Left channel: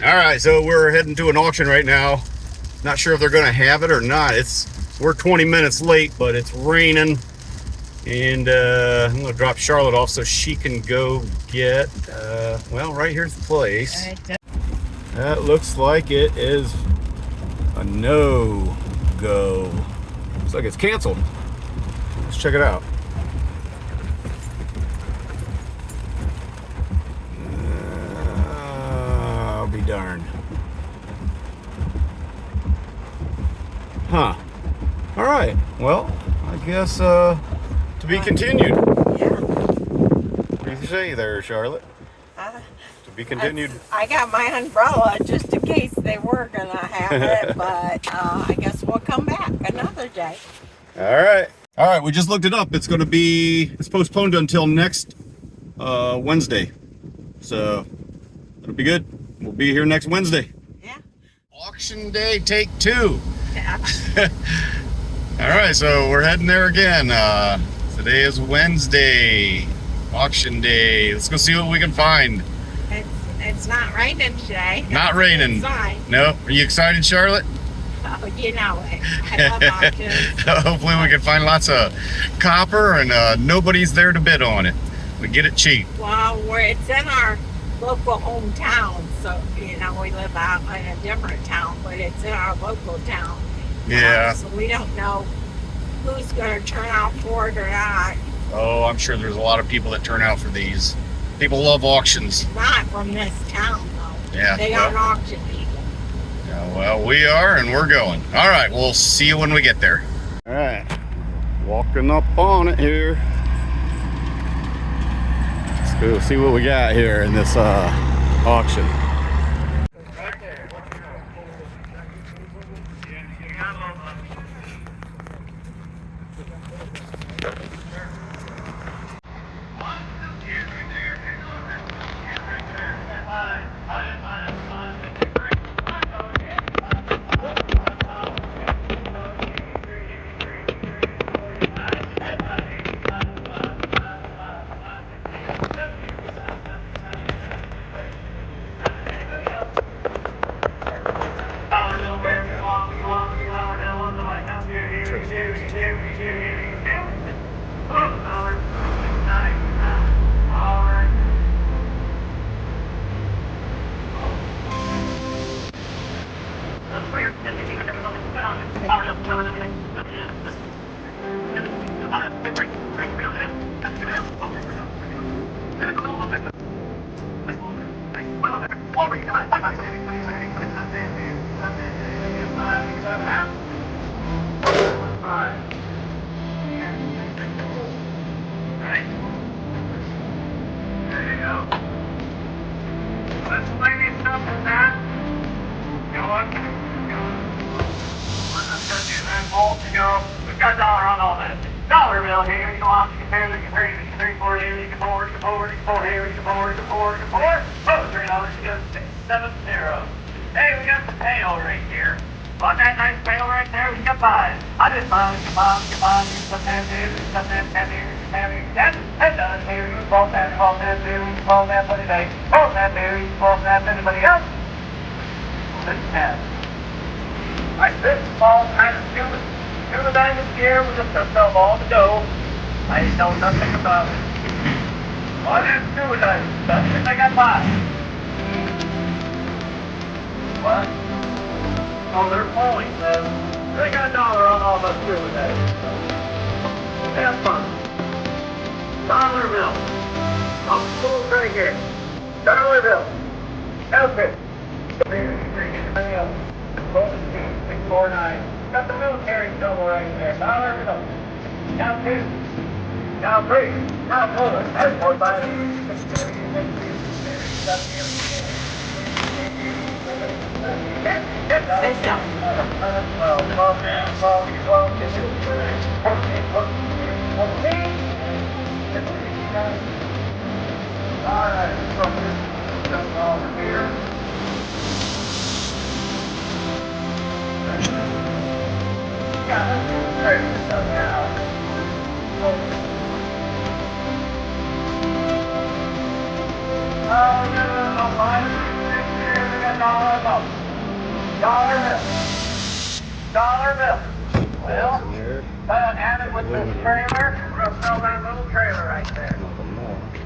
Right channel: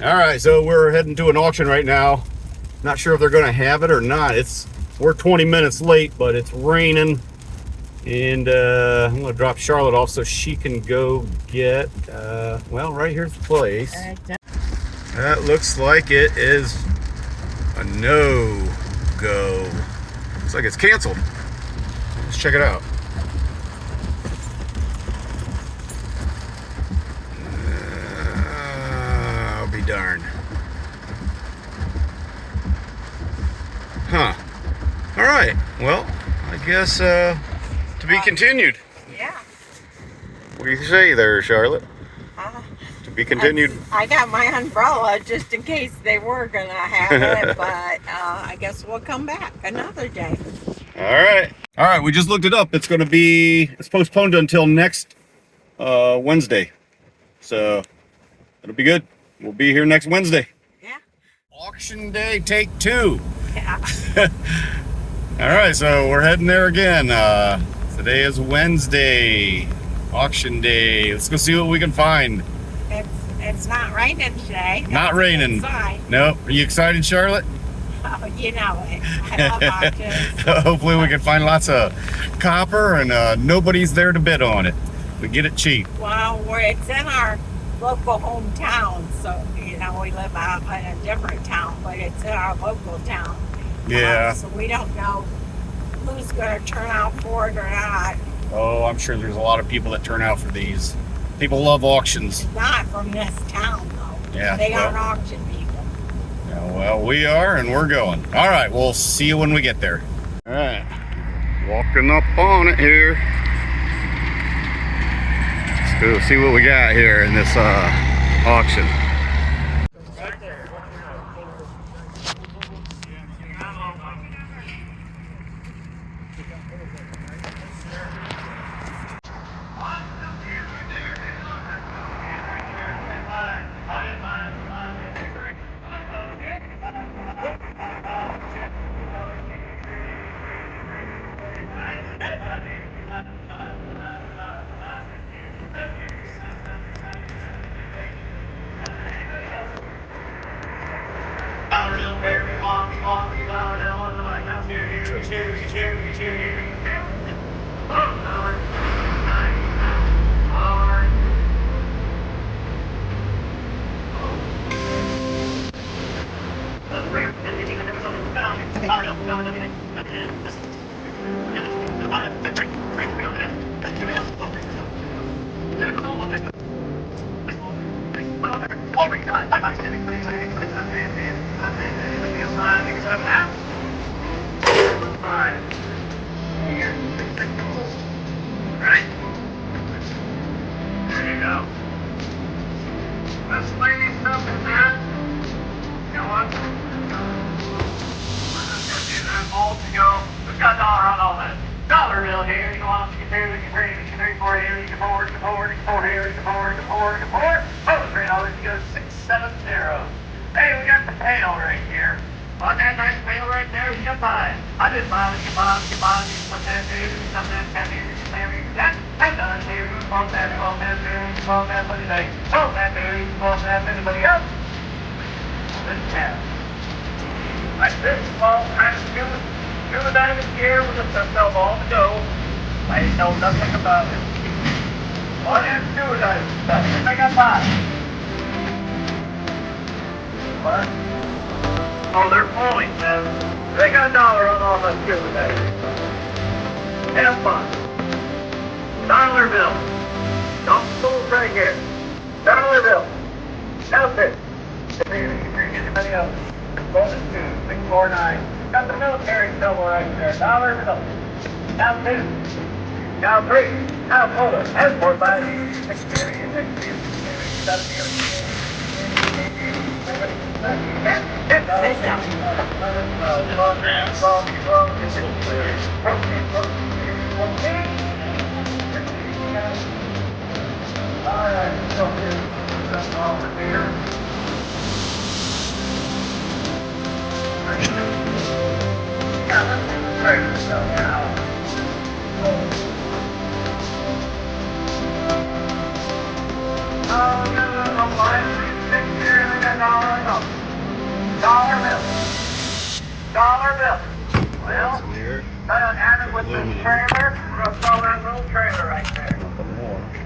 All right, so we're heading to an auction right now. Not sure if they're going to have it or not. We're 20 minutes late, but it's raining, and I'm going to drop Charlotte off so she can go get. Well, right here's the place. That looks like it is a no-go. Looks like it's canceled. Let's check it out. I'll be darned. Huh. All right. Well, I guess to be continued. Yeah. What do you say there, Charlotte? To be continued. I got my umbrella just in case they were gonna have it, but I guess we'll come back another day. All right. All right. We just looked it up. It's postponed until next Wednesday. So it'll be good. We'll be here next Wednesday. Yeah. Auction day, take 2. Yeah. All right, so we're heading there again. Today is Wednesday, auction day. Let's go see what we can find. It's not raining today. Not raining. No. Are you excited, Charlotte? Oh, you know it. I love auctions. Hopefully we can find lots of copper and nobody's there to bid on it. We get it cheap. Well, it's in our local hometown, so we live out in a different town, but it's in our local town. Yeah. So we don't know who's going to turn out for it or not. Oh, I'm sure there's a lot of people that turn out for these. People love auctions. It's not from this town, though. Yeah. They aren't auction people. Yeah, well, we are, and we're going. All right, we'll see you when we get there. All right, walking up on it here. Let's go see what we got here in this auction. I didn't know nothing about it. All I didn't do is I got by. What? Oh, they're falling, man. They got $1 on all the fuel today. Have fun. Dollar bill. Don't fool right here. Dollar bill. Okay. Anything else? Golden 2649. Got the military symbol right there. Dollar bill. Now 2. Now 3. Now 4. That's 4, 5, 6, 7, 8, 9, 10, 11, Dollar bill. Well, add it with this trailer. We're gonna sell that little trailer right there.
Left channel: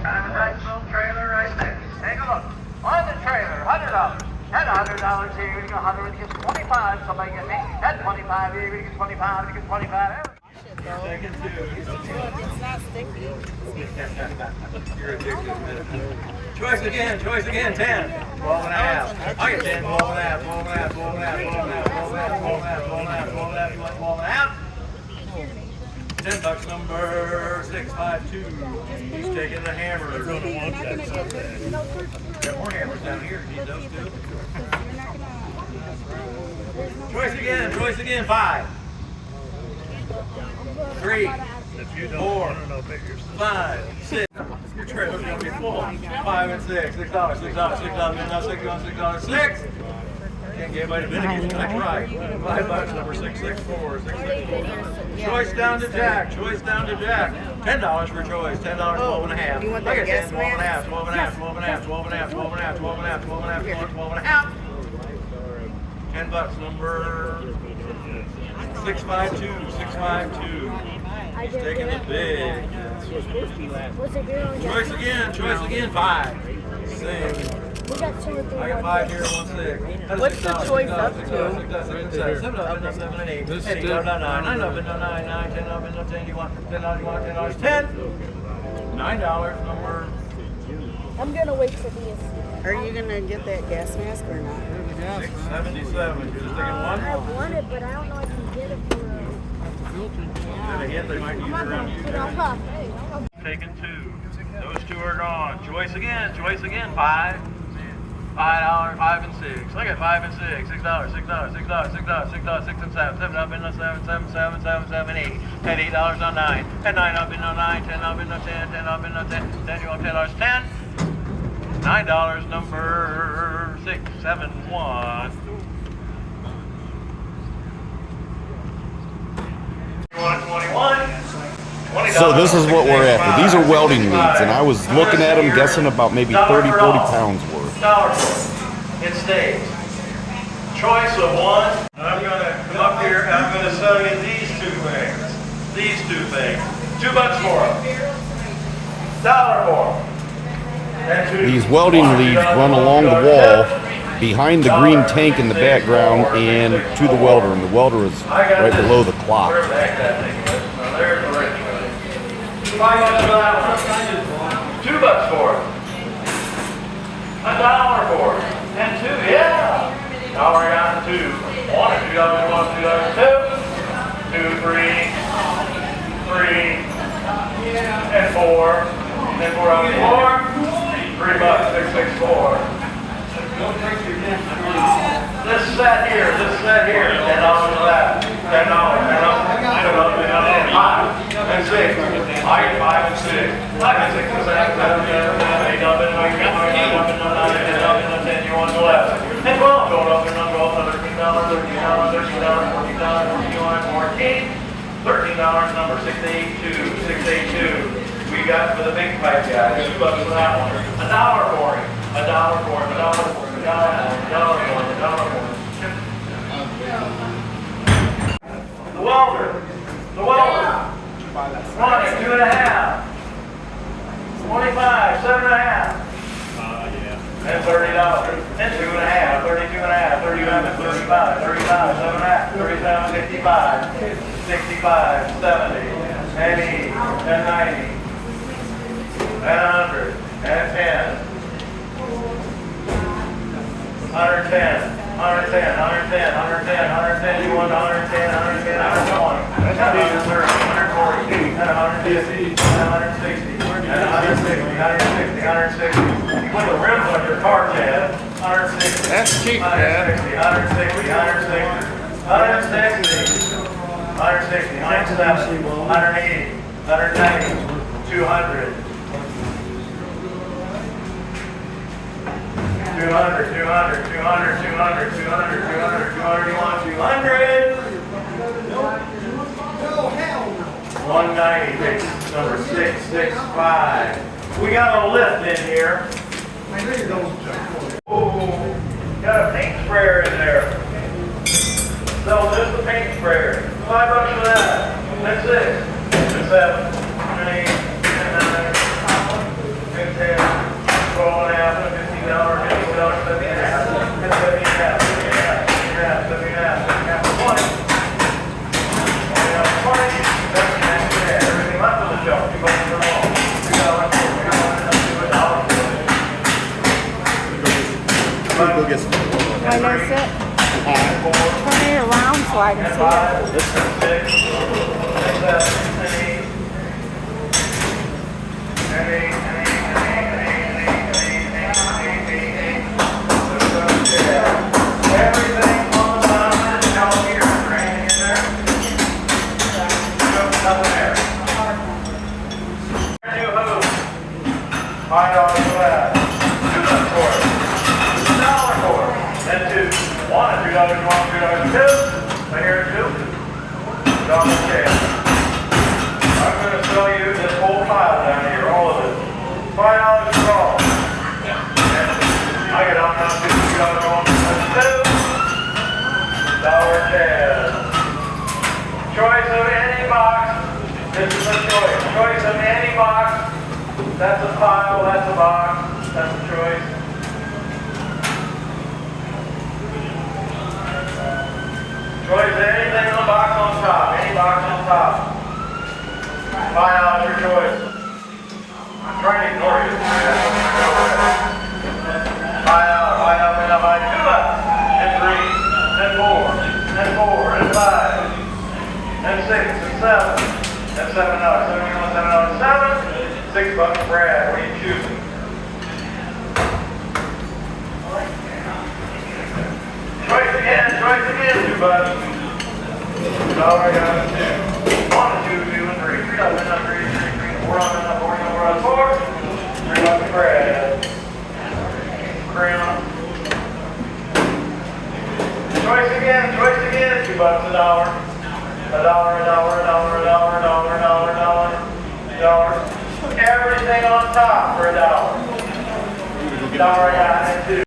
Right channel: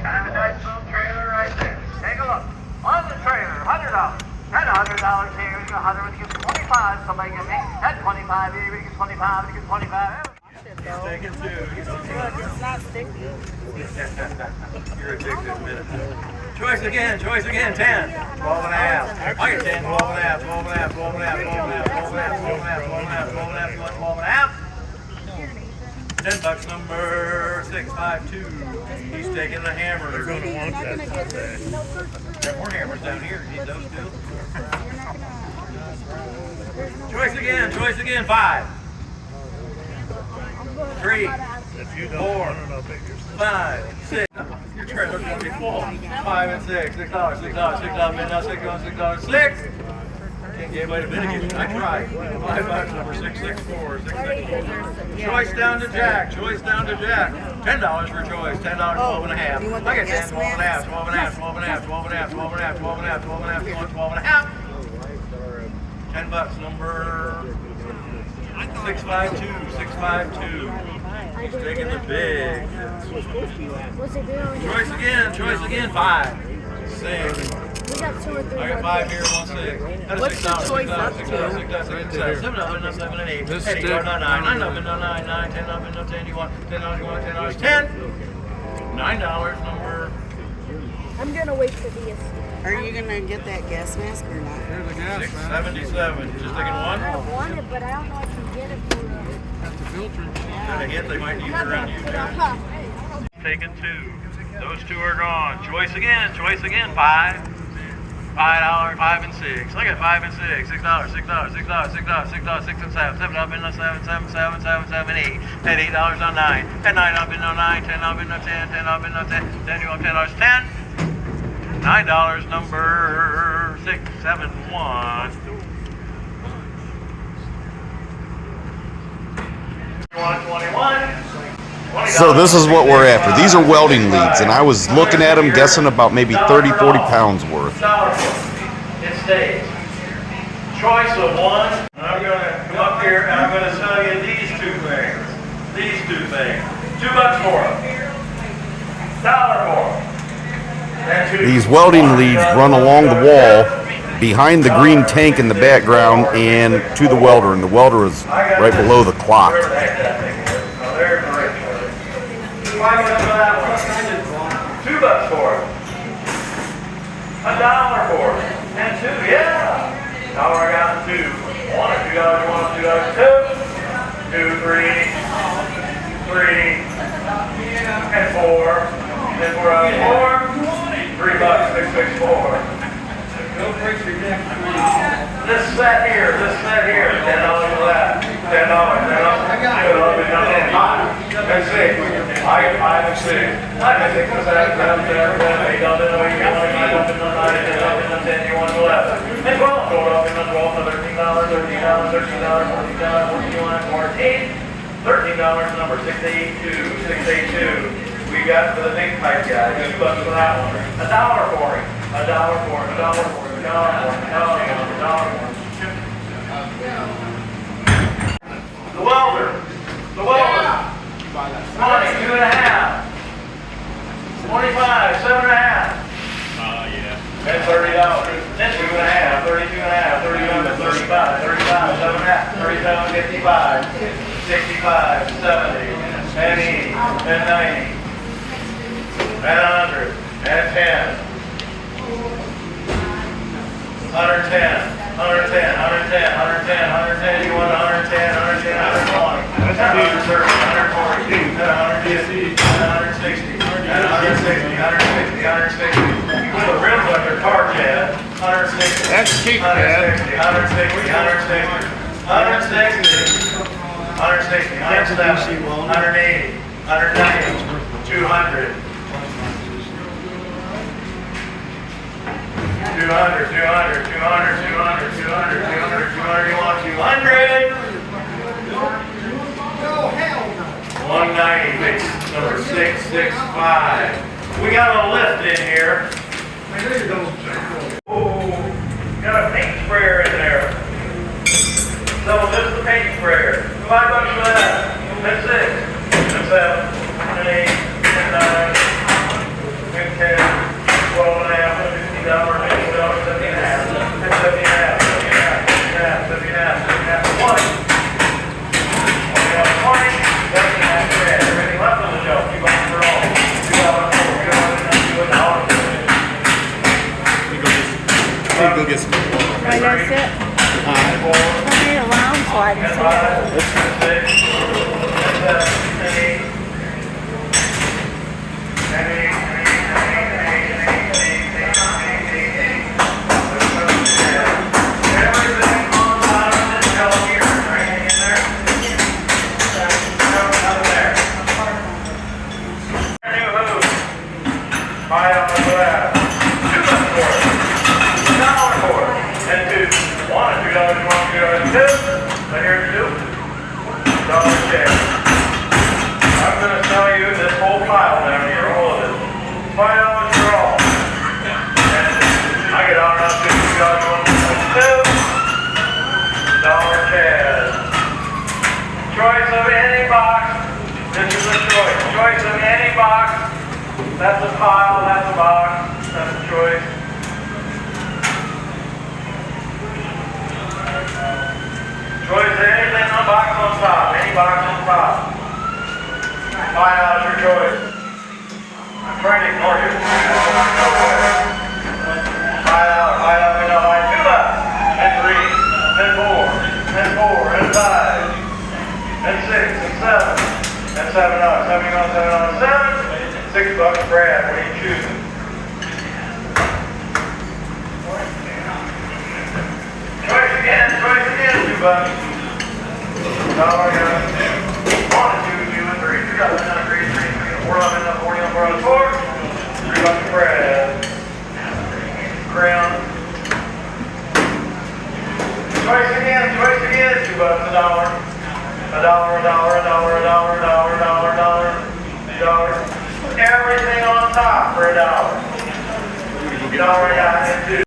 Kind of a nice little trailer right there. Take a look. On the trailer, $100. And $100 here. We got 100. We get 25. Somebody get me. And 25 here. We get 25. We get 25. He's taking two. It's not sticky. You're addicted, man. Choice again, 10. 12 and a half. I get 10, 12 and a half, 12 and a half, 12 and a half, 12 and a half, 12 and a half, 12 and a half, 12 and a half, 12 and a half, 12 and a half. $10 number 652. He's taking the hammer. They're going to want that someday. There are more hammers down here. Need those too. Choice again, 5. 3, 4, 5, 6. Your trailer's gonna be full. 5 and 6. $6. $6. 6. Can't get anybody to bid against you. I tried. $5 number 664. 664. Choice down to Jack. $10 for choice. $10. 12 and a half. I get 10. 12 and a half. 12 and a half. 12 and a half. 12 and a half. 12 and a half. 12 and a half. 12 and a half. 12 and a half. $10 number 652. He's taking the big. Choice again, 5. 6. I got 5 here, 1 6. That is $6. $6, $6, 7 up, and 7 and 8. 8 up, 9, 9 up, and 9, 9, 10 up, and 10. You want $10, $10, 10. $9 number. I'm gonna wait for these. Are you gonna get that gas mask or not? 677. You're just taking one? I want it, but I don't know if I can get it for Got a hint they might need it around you, Jared. Taking 2. Those 2 are gone. Choice again, 5. $5, 5 and 6. Look at 5 and 6. $6, $6 and 7. 7 up in the 7, 7, 7, 7, 7, 8. And $8 on 9. And 9 up in the 9, 10 up in the 10, 10 up in the 10. Then you go $10, 10. $9 number 671. So this is what we're after. These are welding leads, and I was looking at them, guessing about maybe 30, 40 pounds worth. It stays. Choice of one. And I'm going to come up here and I'm going to sell you these 2 things. These 2 things. $2 for them. $1 for them. These welding leads run along the wall behind the green tank in the background and to the welder, and the welder is right below the clock. $2 for them. $1 for them. And 2, yeah. Now I got 2. $1 or $2, $1, $2, 2. 2, 3, and 4. And then we're on 4. $3, 664. This set here, $10 for that. $10, and 6. I get 5 and 6. 5 and 6 for that. 7, 8 up in the 9, 10 up in the 10. You want 11. And 12. Go up in the 12 for $13, $13, number 682. We got for the big pipe guy. $2 for that one. $1 for him. $1 for him. $1 for him. $1 for him. The welder. 20, 2 and a half. 25, 7 and a half. And $30. And 2 and a half. 32 and a half. 37, 35, 35, 7 and a half. 37, 55, 65, 70, and 80, and 90. And 100, and 10, 110, 110, you want 110, 120, 130, 140, 150, 160, 160. You put the rims on your car, Chad. 160. That's cheap, Chad. 160, 170, 180, 190, 200. 200, 200, 200, 200, 200, 200, 200, you want 200? 190, number 665. We got a lift in here. Oh, got a paint sprayer in there. sprayer. $5 for that. That's 6, that's 7, and 8, and 9, and 10, 12 and a half, $15, $15, 70 and a half, 70 and a half, 70 and a half, 70 and a half, 70 and a half, 70 and a half, 20, 20, 70 and a half, 70 and a half, everything left on the shelf, $2 for all, $2 for Go get some. Why that's it? Turn it around so I can see it. That's a pile, that's a box, that's a choice. Choice anything in the box on top, any box on top. Find out your choice. I'm trying to ignore you. Find out, and I'll buy 2 left, and 3, and 4, and 5, and 6, and 7, and 7 up, 71, 7 up, 7. $6, Brad. What are you choosing? Choice again, $2. Dollar, I got 2. 1, 2, 2, and 3. $3, and 3, 3, 3, 4, and 4, and 4, $3, Brad. Crayon. Choice again, $2, $1. $1. Everything on top for $1. $1.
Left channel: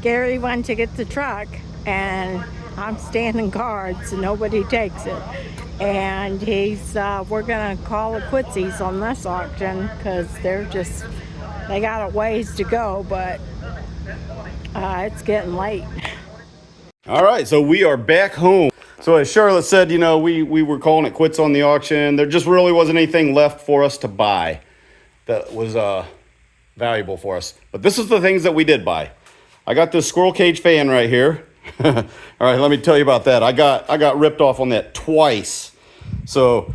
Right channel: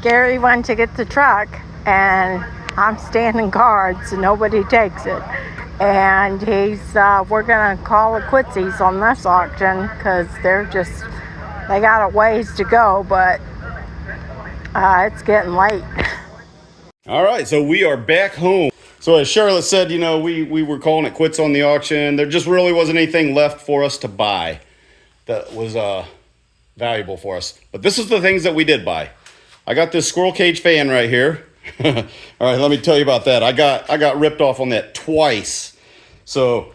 Gary went to get the truck, and I'm standing guard so nobody takes it. And we're gonna call it quitsies on this auction because they got a ways to go, but it's getting late. All right, so we are back home. So as Charlotte said, you know, we were calling it quits on the auction. There just really wasn't anything left for us to buy that was valuable for us. But this is the things that we did buy. I got this squirrel cage fan right here. All right, let me tell you about that. I got ripped off on that twice. So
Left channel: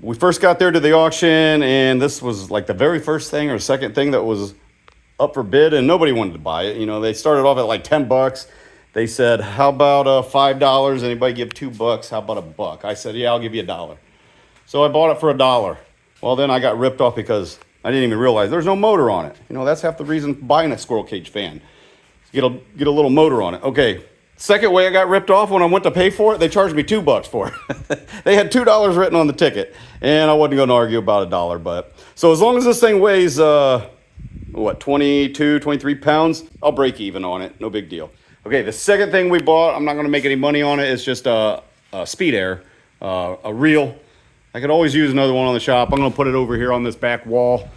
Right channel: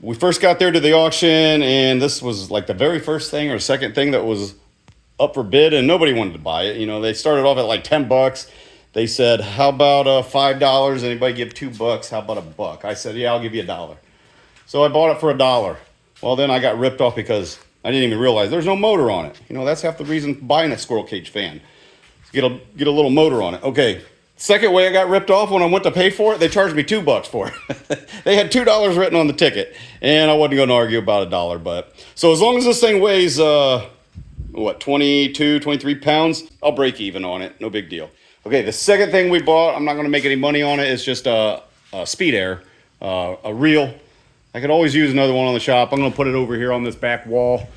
we first got there to the auction, and this was like the very first thing or second thing that was up for bid, and nobody wanted to buy it. You know, they started off at like $10. They said, how about $5? Anybody give $2? How about $1? I said, yeah, I'll give you $1. So I bought it for $1. Well, then I got ripped off because I didn't even realize there's no motor on it. You know, that's half the reason buying a squirrel cage fan. Get a little motor on it. Okay, second way I got ripped off, when I went to pay for it, they charged me $2 for it. They had $2 written on the ticket, and I wasn't going to argue about $1. But so as long as this thing weighs, 22, 23 pounds, I'll break even on it. No big deal. Okay, the second thing we bought, I'm not going to make any money on it. It's just a speed air, a reel. I could always use another one on the shop. I'm going to put it over here on this back wall.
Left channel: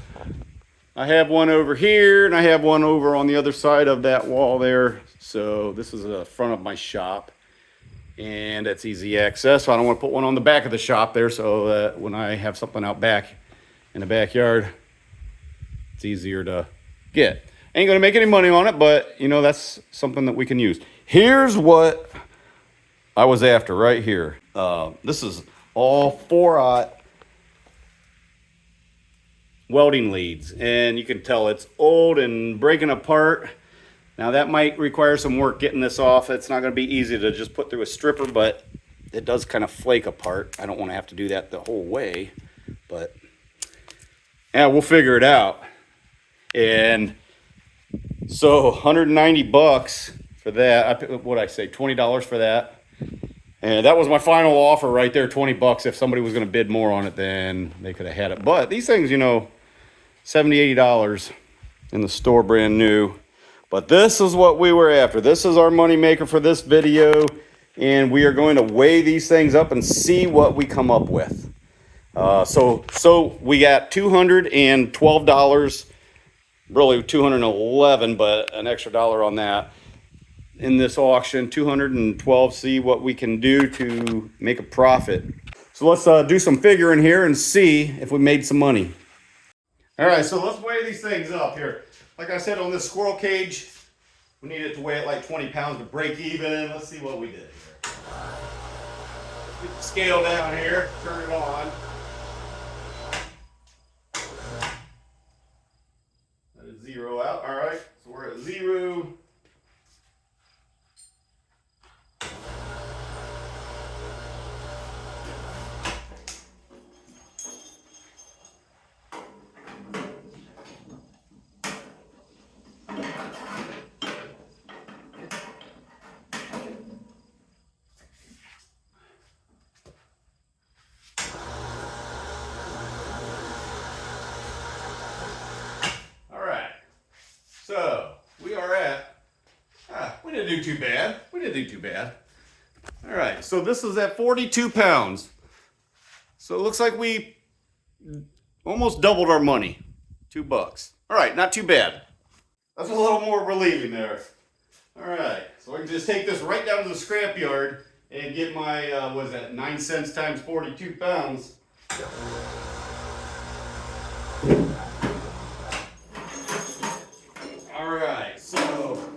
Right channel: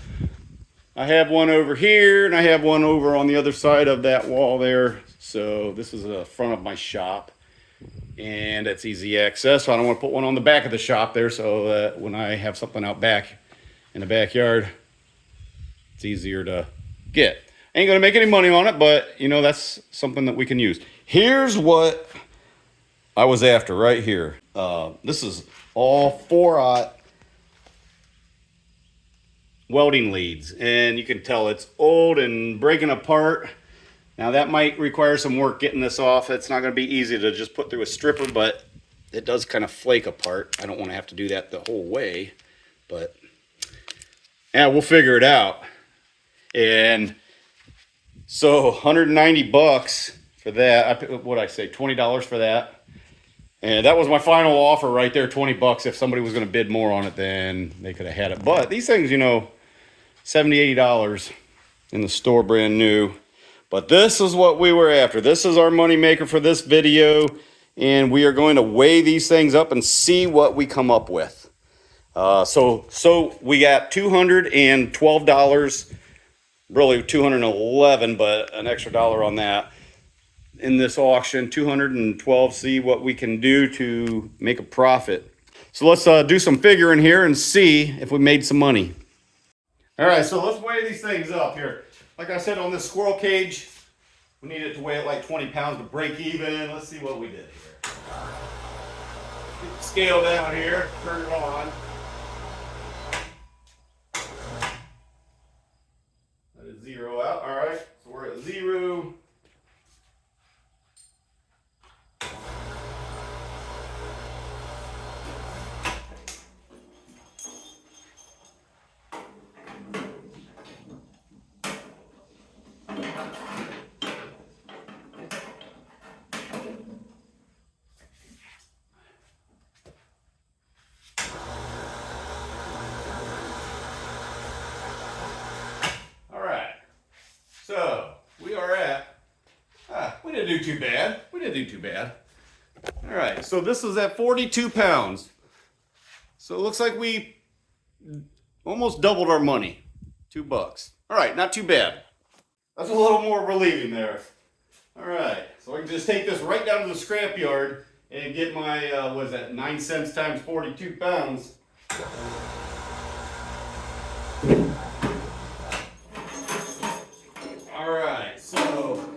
I have one over here, and I have one over on the other side of that wall there. So this is the front of my shop, and it's easy access. So I don't want to put one on the back of the shop there, so that when I have something out back in the backyard, it's easier to get. Ain't gonna make any money on it, but you know, that's something that we can use. Here's what I was after right here. This is all 4-aught welding leads, and you can tell it's old and breaking apart. Now that might require some work getting this off. It's not gonna be easy to just put through a stripper, but it does kind of flake apart. I don't want to have to do that the whole way, but yeah, we'll figure it out. And so $190 for that. What'd I say? $20 for that. And that was my final offer right there, $20. If somebody was going to bid more on it, then they could have had it. But these things, you know, $70, $80 in the store, brand new. But this is what we were after. This is our money maker for this video. And we are going to weigh these things up and see what we come up with. So we got $212, really $211, but an extra dollar on that in this auction. $212. See what we can do to make a profit. So let's do some figuring here and see if we made some money. All right, so let's weigh these things up here. Like I said, on this squirrel cage, we need it to weigh at like 20 pounds to break even. Let's see what we did here. Get the scale down here, turn it on. That is 0 out. All right, so we're at 0. So we are at, we didn't do too bad. We didn't do too bad. All right, so this is at 42 pounds. So it looks like we almost doubled our money, $2. All right, not too bad. That's a little more relieving there. All right, so I can just take this right down to the scrap yard and get my, what is that, 9 cents times 42 pounds. All right, so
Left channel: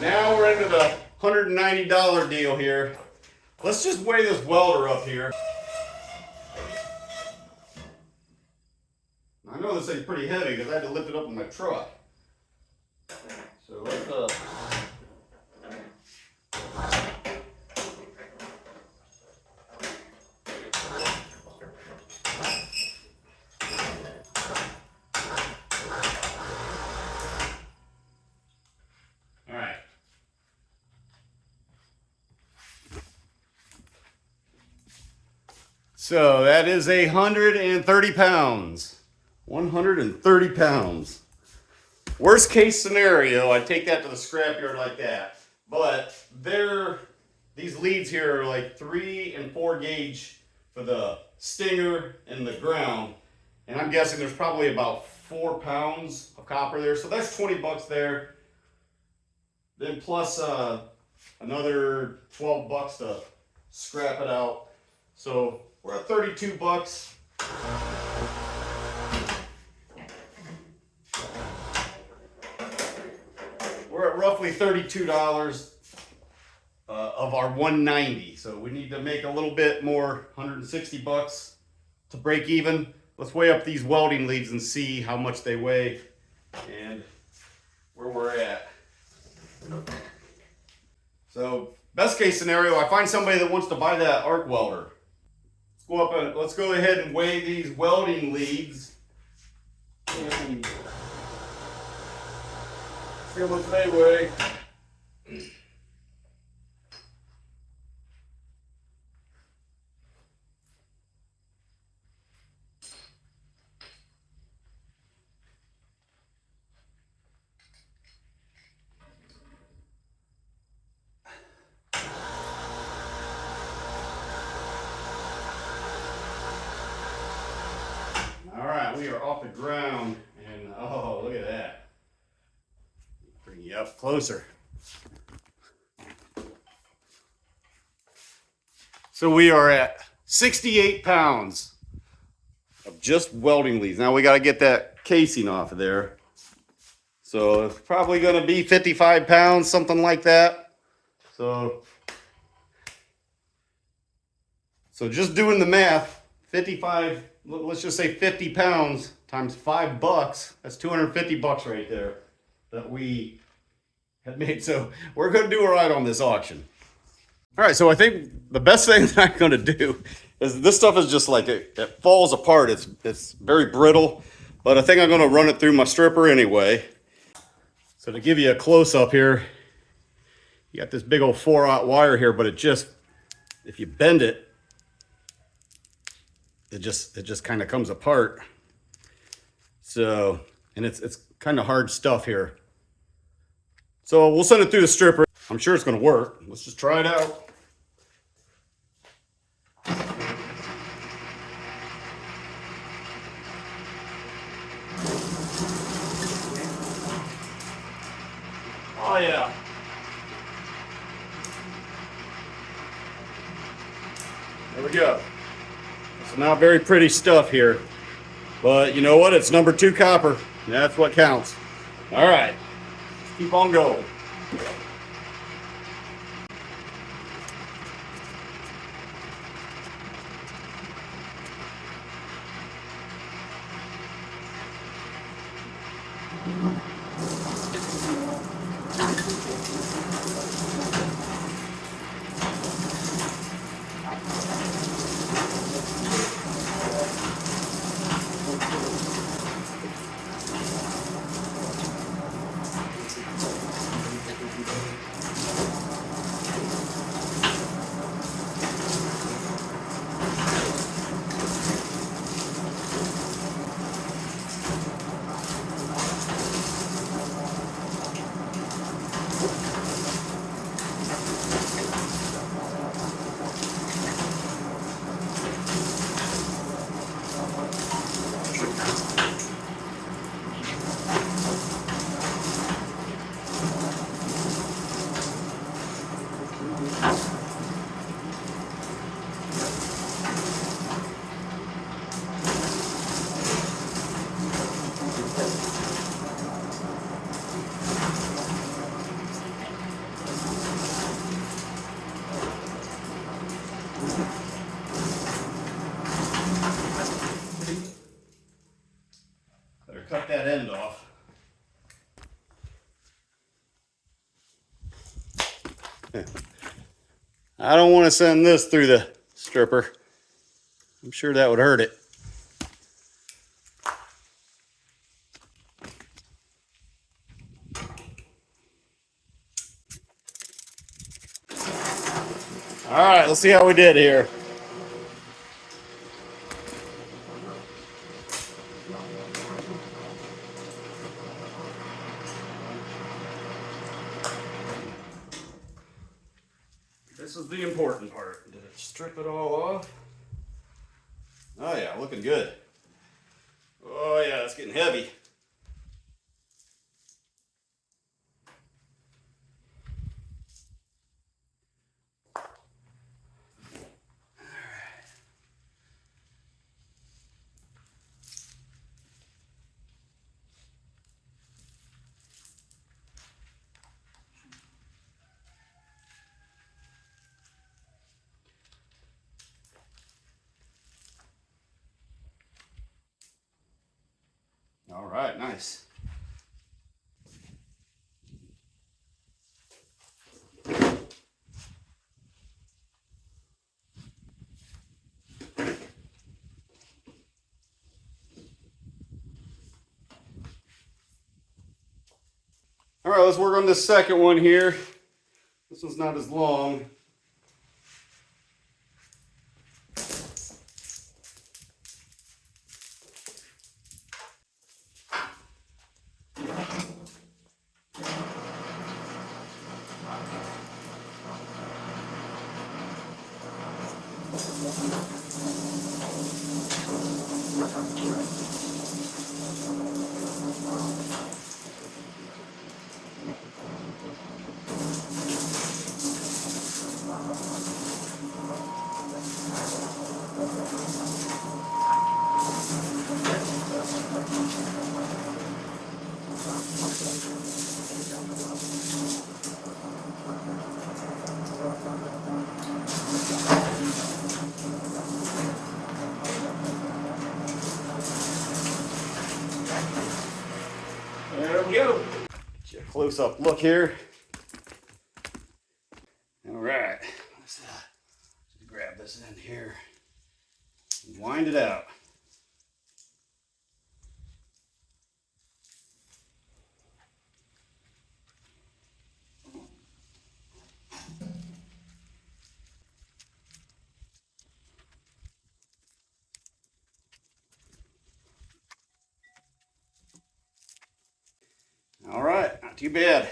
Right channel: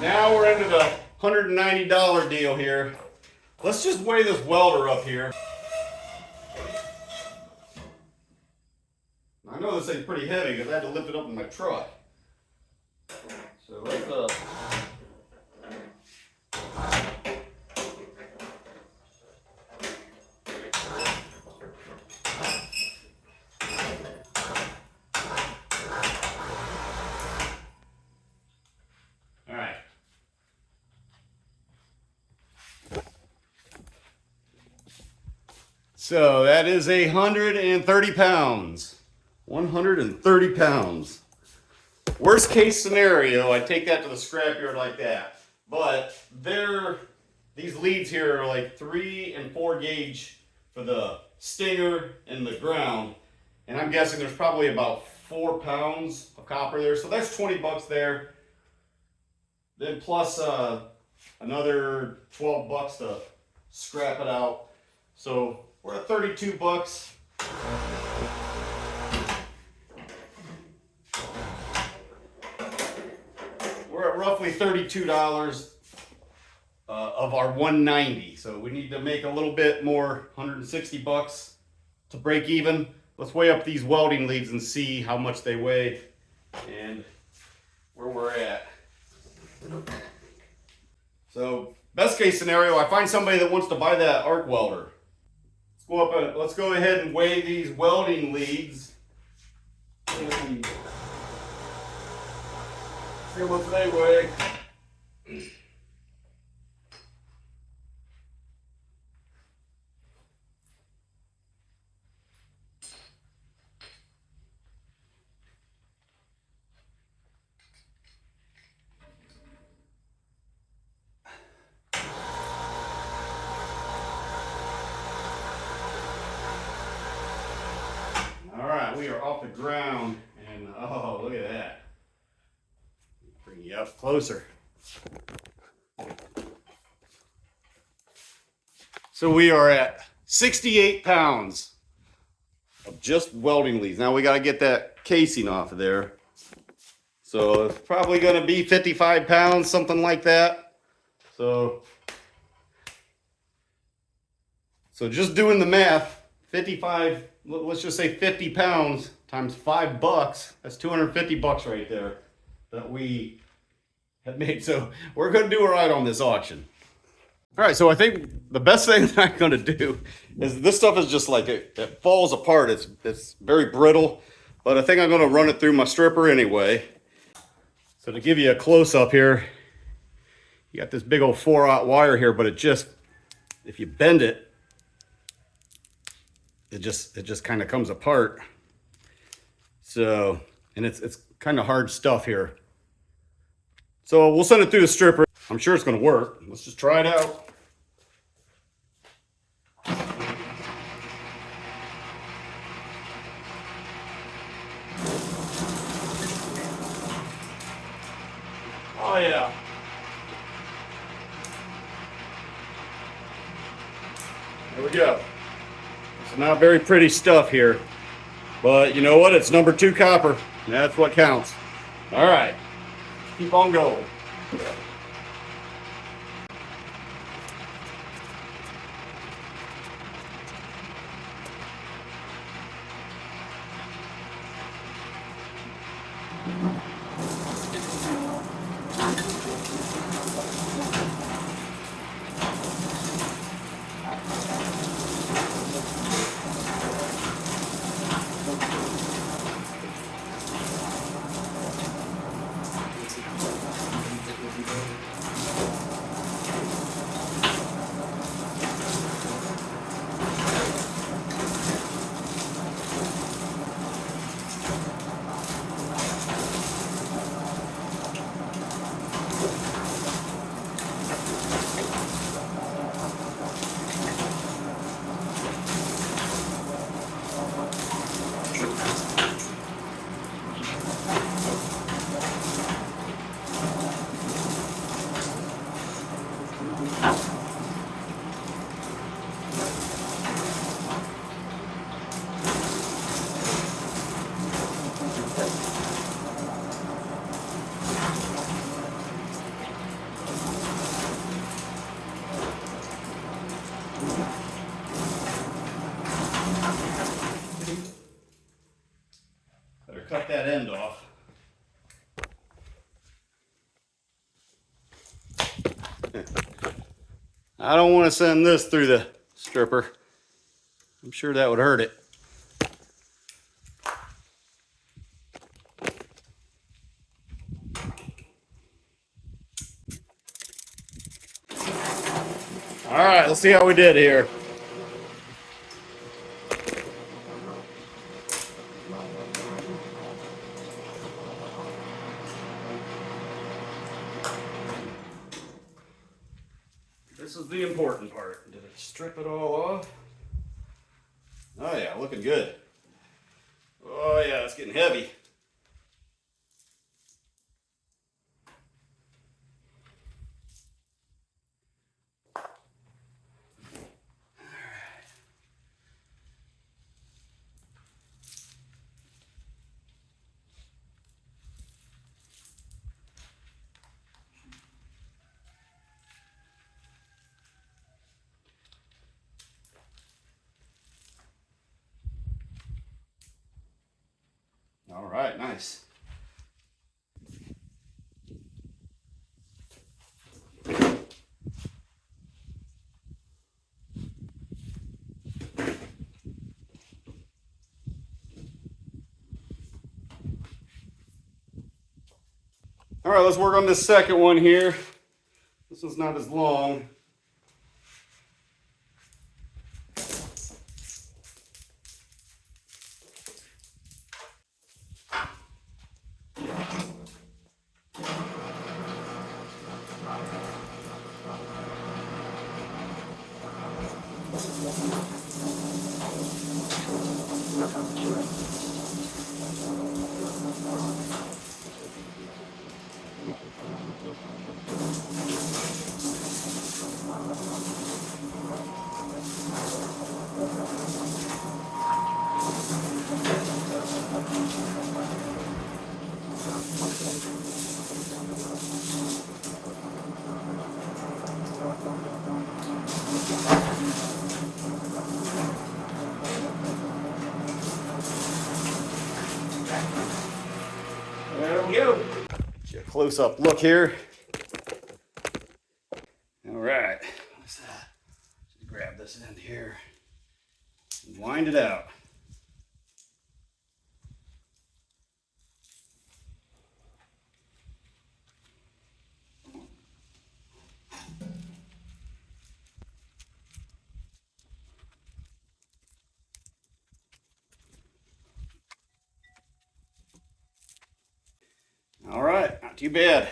now we're into the $190 deal here. Let's just weigh this welder up here. I know this thing's pretty heavy because I had to lift it up in my truck. So let's so that is 130 pounds. 130 pounds. Worst case scenario, I take that to the scrapyard like that. But these leads here are like 3 and 4 gauge for the stinger and the ground. And I'm guessing there's probably about 4 pounds of copper there. So that's 20 bucks there. Then plus another 12 bucks to scrap it out. So we're at 32 bucks. We're at roughly $32 of our 190. So we need to make a little bit more, 160 bucks to break even. Let's weigh up these welding leads and see how much they weigh and where we're at. So best case scenario, I find somebody that wants to buy that arc welder. Let's go up and let's go ahead and weigh these welding leads. And see how much they weigh. All right, we are off the ground, and oh, look at that. Bring you up closer. So we are at 68 pounds of just welding leads. Now we got to get that casing off of there. So it's probably going to be 55 pounds, something like that. So just doing the math, 55, let's just say 50 pounds times $5, that's 250 bucks right there that we have made. So we're going to do all right on this auction. All right, so I think the best thing that I'm going to do is this stuff is just like, it falls apart. It's very brittle, but I think I'm going to run it through my stripper anyway. So to give you a close-up here, you got this big old 4/0 wire here, but it just, if you bend it, it just kind of comes apart. So, and it's kind of hard stuff here. So we'll send it through the stripper. I'm sure it's going to work. Let's just try it out. Oh yeah. There we go. It's not very pretty stuff here, but you know what? It's number 2 copper. That's what counts. All right, keep on going. Better cut that end off. I don't want to send this through the stripper. I'm sure that would hurt it. All right, let's see how we did here. This is the important part. Did it strip it all off? Oh yeah, looking good. Oh yeah, it's getting heavy. All right, nice. All right, let's work on this second one here. This one's not as long. There we go. Get you a close-up look here. All right, let's just grab this end here and wind it out. too bad.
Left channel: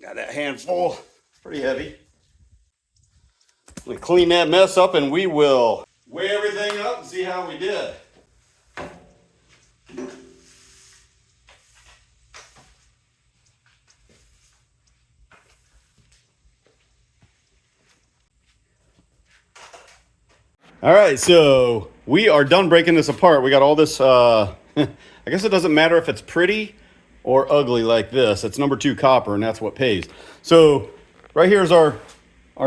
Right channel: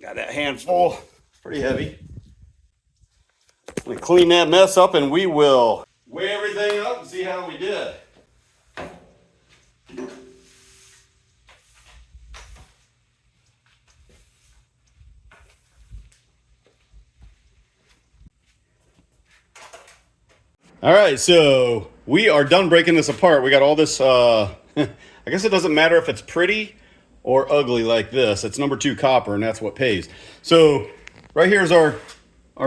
Got that handful, pretty heavy. We clean that mess up and we will weigh everything up and see how we did. All right, so we are done breaking this apart. We got all this, I guess it doesn't matter if it's pretty or ugly like this. It's number 2 copper, and that's what pays. So right here's our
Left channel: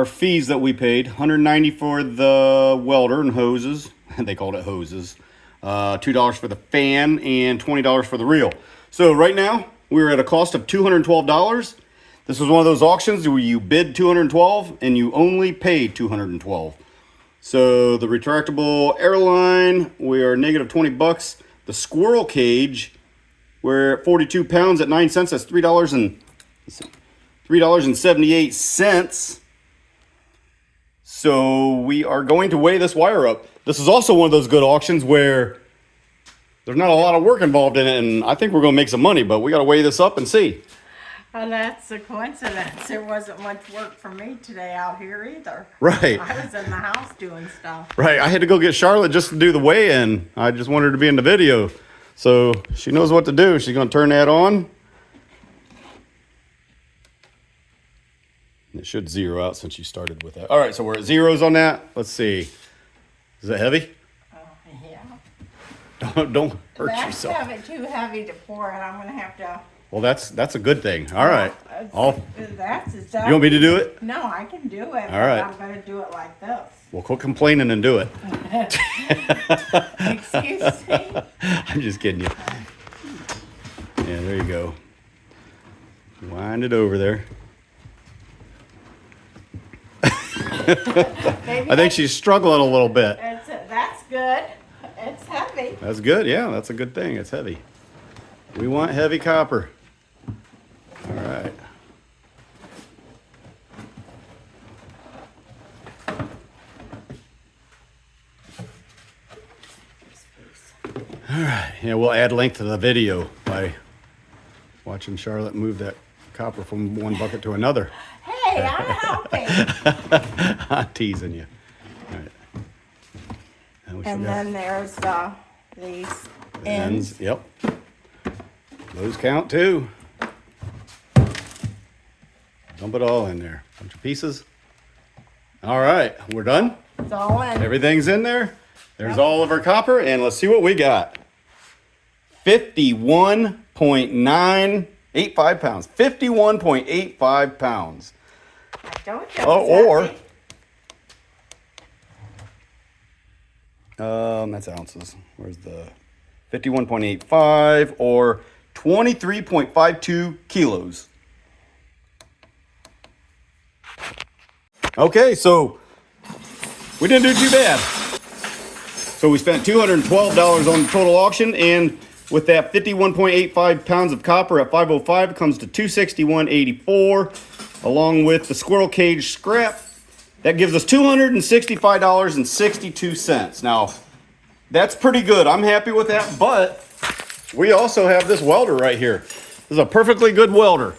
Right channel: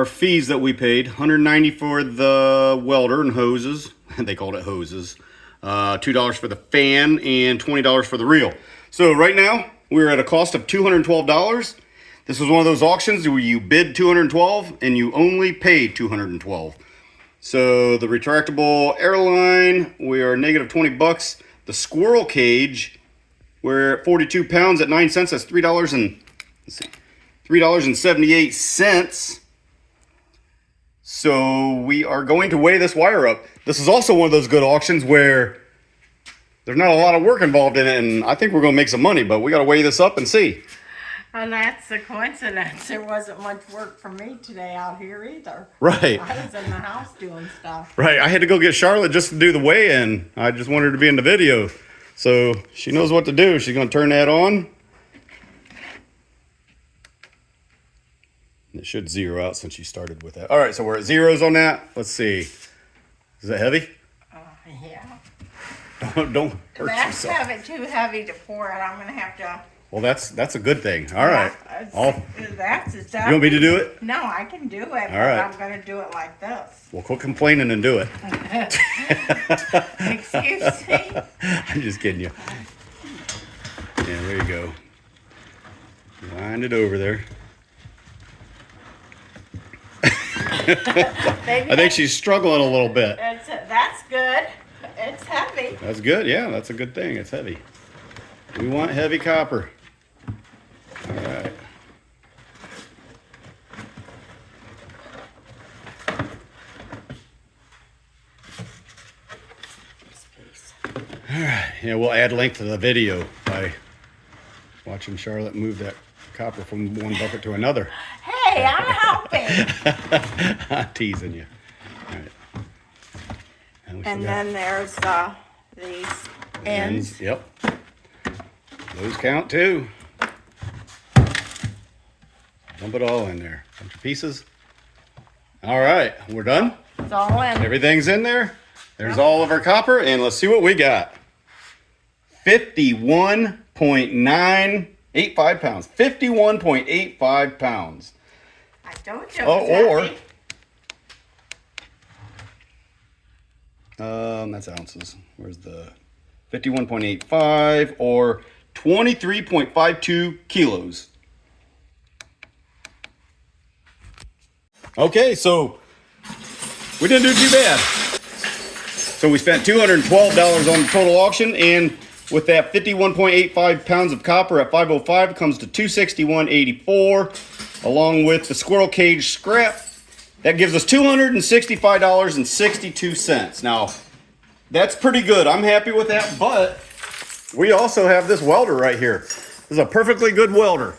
fees that we paid. $190 for the welder and hoses. They called it hoses. $2 for the fan and $20 for the reel. So right now we're at a cost of $212. This was one of those auctions where you bid $212 and you only paid $212. So the retractable airline, we are negative $20. The squirrel cage, we're at 42 pounds at 9 cents. That's $3.78. So we are going to weigh this wire up. This is also one of those good auctions where there's not a lot of work involved in it, and I think we're going to make some money, but we got to weigh this up and see. And that's a coincidence. There wasn't much work for me today out here either. Right. I was in the house doing stuff. Right. I had to go get Charlotte just to do the weigh-in. I just wanted her to be in the video. So she knows what to do. She's going to turn that on. It should zero out since you started with that. All right, so we're at zeros on that. Let's see. Is it heavy? Yeah. Don't hurt That's yourself. too heavy to pour it. I'm going to have to... Well, that's a good thing. All right. That's You want me to do it? No, I can do it. All right. I'm going to do it like this. Well, quit complaining and do it. Excuse me? I'm just kidding you. Yeah, there you go. Wind it over there. I think she's struggling a little bit. That's good. It's heavy. That's good. Yeah, that's a good thing. It's heavy. We want heavy copper. All right. All right. Yeah, we'll add link to the video by watching Charlotte move that copper from one bucket to another. Hey, I'm helping. I'm teasing you. All right. And then there's these ends. Yep. Those count too. Dump it all in there. Bunch of pieces. All right, we're done. It's all in. Everything's in there. There's all of our copper, and let's see what we got. 51.985 pounds. 51.85 pounds. I told you. Oh, or that's ounces. Where's the 51.85 or 23.52 kilos. Okay, so we didn't do too bad. So we spent $212 on the total auction, and with that 51.85 pounds of copper at 505 comes to $261.84, along with the squirrel cage scrap. That gives us $265.62. Now, that's pretty good. I'm happy with that, but we also have this welder right here. This is a perfectly good welder.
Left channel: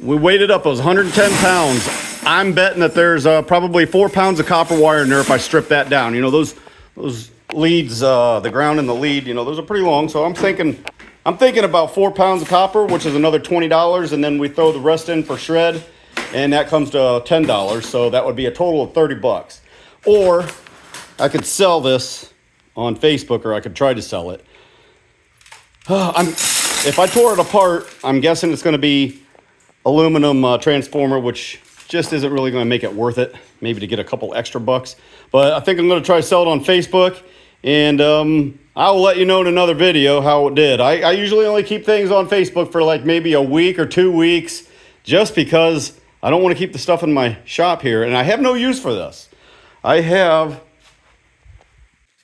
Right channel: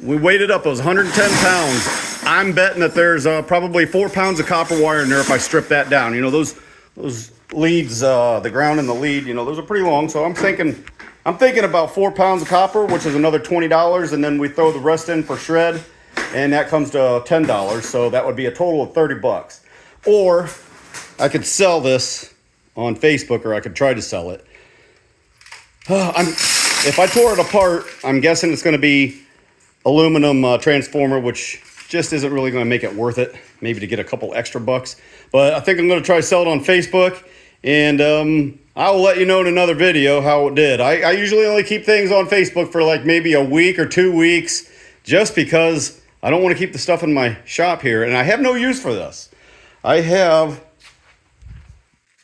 We weighed it up. It was 110 pounds. I'm betting that there's probably 4 pounds of copper wire in there if I strip that down. You know, those leads, the ground and the lead, you know, those are pretty long. So I'm thinking about 4 pounds of copper, which is another $20, and then we throw the rest in for shred, and that comes to $10. So that would be a total of $30. Or I could sell this on Facebook, or I could try to sell it. If I tore it apart, I'm guessing it's going to be aluminum transformer, which just isn't really going to make it worth it. Maybe to get a couple extra bucks. But I think I'm going to try to sell it on Facebook, and I will let you know in another video how it did. I usually only keep things on Facebook for like maybe a week or 2 weeks, just because I don't want to keep the stuff in my shop here, and I have no use for this. I have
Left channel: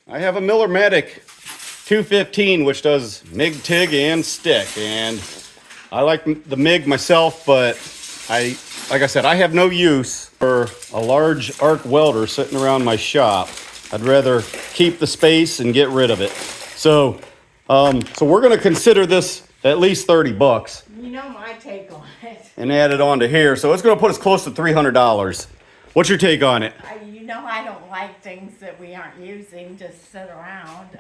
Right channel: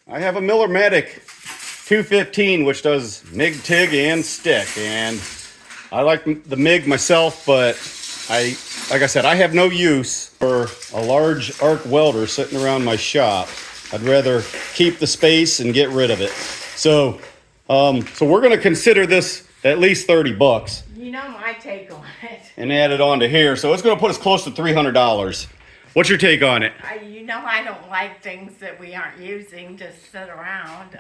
a Miller-Matic 215, which does MIG, TIG, and stick, and I like the MIG myself, but like I said, I have no use for a large arc welder sitting around my shop. I'd rather keep the space and get rid of it. So we're going to consider this at least 30 bucks You know my take on it. and add it on to here. So it's going to put us close to $300. What's your take on it? You know I don't like things that we aren't using to sit around.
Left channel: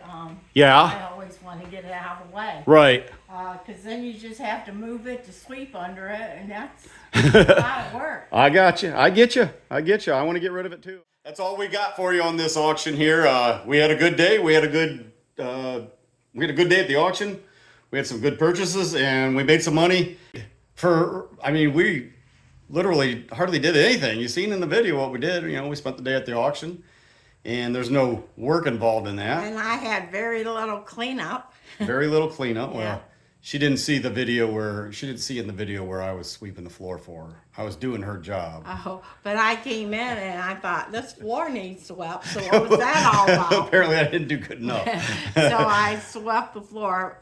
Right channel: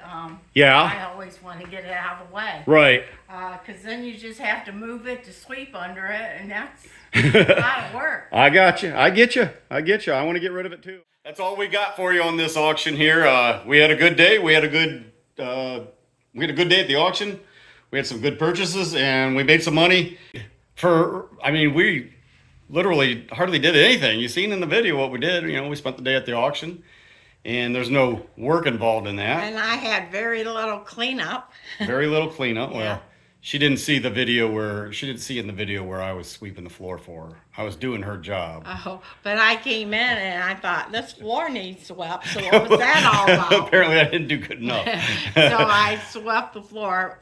Yeah. I always want to get it out of the way. Right. Because then you just have to move it to sweep under it, and that's a lot of work. I got you. I get you. I want to get rid of it too. That's all we got for you on this auction here. We had a good day. We had a good day at the auction. We had some good purchases and we made some money. We literally hardly did anything. You've seen in the video what we did. You know, we spent the day at the auction and there's no work involved in that. And I had very little cleanup. Very little cleanup. Yeah. Well, she didn't see in the video where I was sweeping the floor for her. I was doing her job. Oh, but I came in and I thought, this floor needs swept. So what was that all about? Apparently I didn't do good enough. So I swept the floor.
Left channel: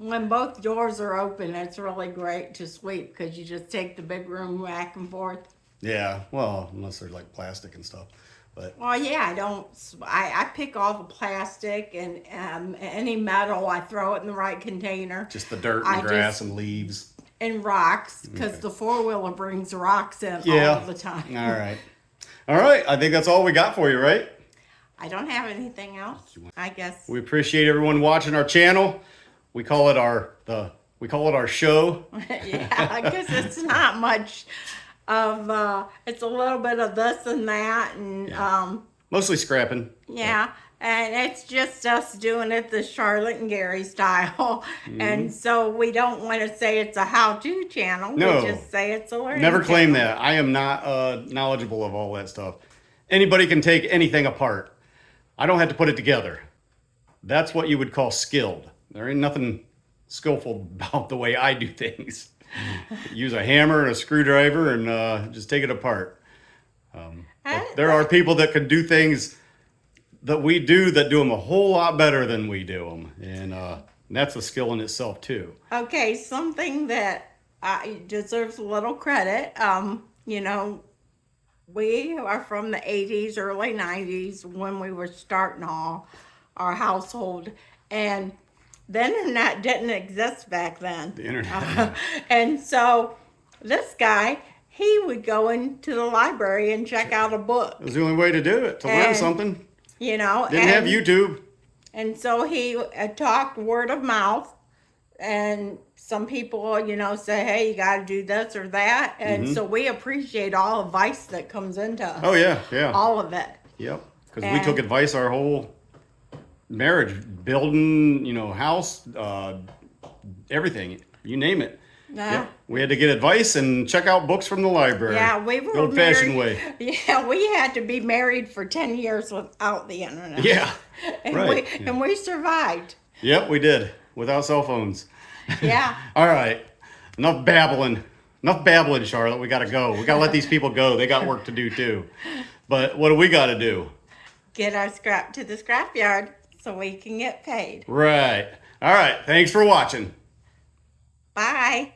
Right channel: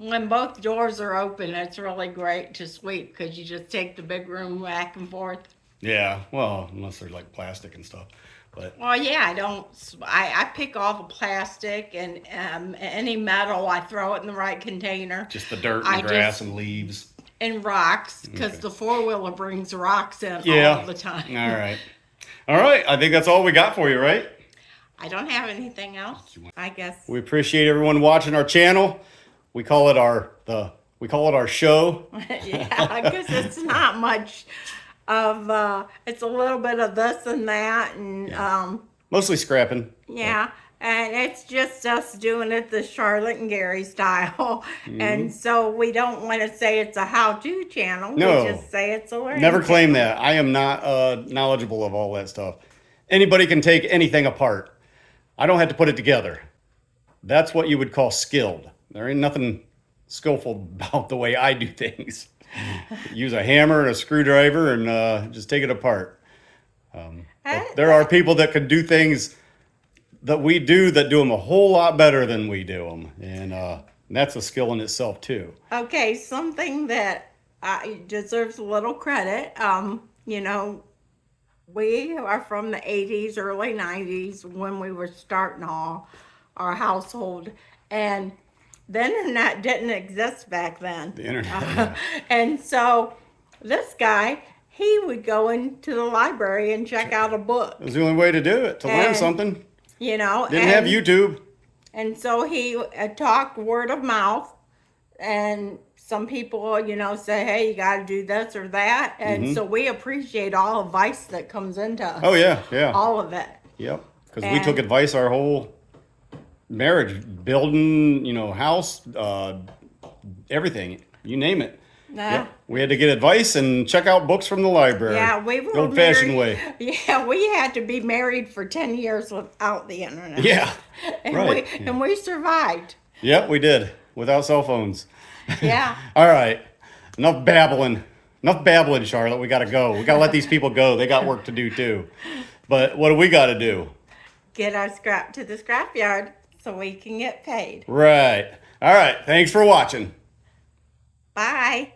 When both doors are open, it's really great to sweep because you just take the big room back and forth. Yeah, well, unless they're like plastic and stuff. But Well, yeah, I pick all the plastic and any metal, I throw it in the right container. just the dirt and grass and leaves. And rocks, because the four-wheeler brings rocks in Yeah. all the time. All right. All right. I think that's all we got for you, right? I don't have anything else, I guess. We appreciate everyone watching our channel. We call it our show. Yeah, because it's not much of, it's a little bit of this and that, and Mostly scrapping. yeah, and it's just us doing it the Charlotte and Gary style. And so we don't want to say it's a how-to channel. No. We just say it's a learning Never claim channel. that. I am not knowledgeable of all that stuff. Anybody can take anything apart. I don't have to put it together. That's what you would call skilled. There ain't nothing skillful about the way I do things. Use a hammer and a screwdriver and just take it apart. But there are people that can do things that we do that do them a whole lot better than we do them. And that's a skill in itself too. Okay, something that deserves a little credit. You know, we are from the 80s, early 90s when we were starting our household. And the internet didn't exist back then. The internet. And so this guy, he would go into the library and check out a book, It was the only way to do it, to learn And- something. you know. Didn't have YouTube. And so he talked word of mouth, and some people, you know, say, hey, you got to do this or that. And so we appreciate all advice that comes into us. Oh yeah, yeah. All of it. Yep. Because we took And- advice our whole marriage, building, you know, house, everything, you name it. Yeah. We had to get advice and check out books from the library. Yeah, we were the old-fashioned married. way. Yeah, we had to be married for 10 years without the internet. Yeah. And right. we survived. Yep, we did without cell phones. Yeah. All right, enough babbling. Enough babbling, Charlotte. We got to go. We got to let these people go. They got work to do too. But what do we got to do? Get our scrap to the scrapyard so we can get paid. Right. All right. Thanks for watching. Bye.